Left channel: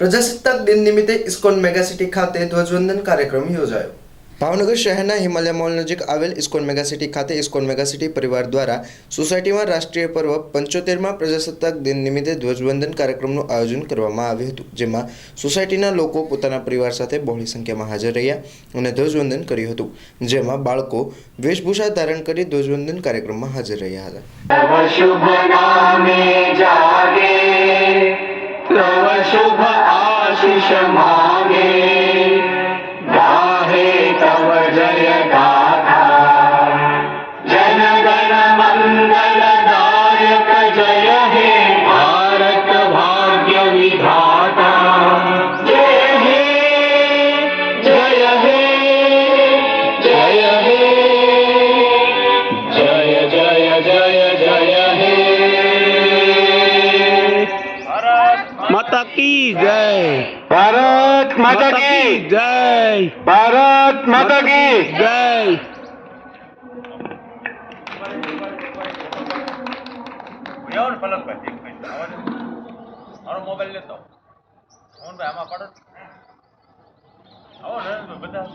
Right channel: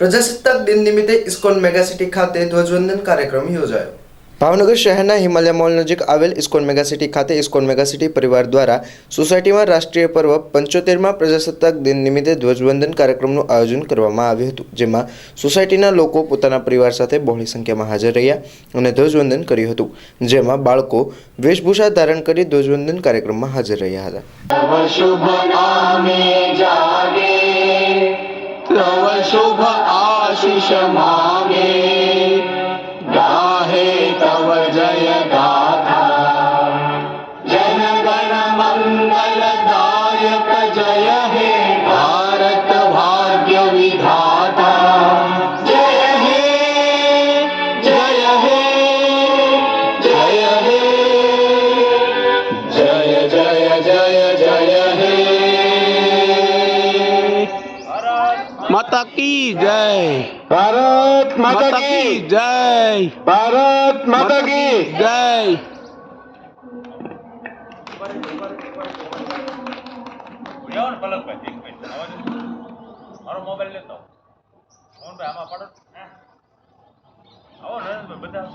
પ્રજાસત્તાક દિન નિમિત્તે ઇસ્કોન મેગાસિટી ખાતે ધ્વજવંદન કાર્યક્રમ યોજાયો. ભાવનગર શહેરના હિમાલય મોલ નજીક આવેલ ઇસ્કોન મેગાસિટી ખાતે ઇસ્કોન મેગાસિટી પરિવાર દ્વારા સોસાયટીમાં રાષ્ટ્રીય પર્વ પંચોતેરમાં પ્રજાસત્તાક દિન નિમિત્તે ધ્વજવંદન કાર્યક્રમનું આયોજન કરવામાં આવ્યું હતું, જેમાં સોસાયટીના લોકો પોતાના પરિવાર સાથે બહોળી સંખ્યામાં હાજર રહ્યા અને ધ્વજવંદન કર્યું હતું, જેમાં બાળકો વેશભૂષા ધારણ કરી ધ્વજવંદન કાર્યક્રમમાં હાજર રહ્યા હતા. तव मांगे गाहे तव जय गाथा जन गण मंगल दायक जय हे भारत भाग्य विधाता जय हे जय हे जय हे। जय जय जय जय માતા કી જય. ભારત માતા કી જય. ભારત માતા કી જય. પલકભાઈ એક મિનિટ અવાજ મારો મોબાઈલ લેતો આમાં પાડો આવો નરેન્દ્રભાઈ બધા.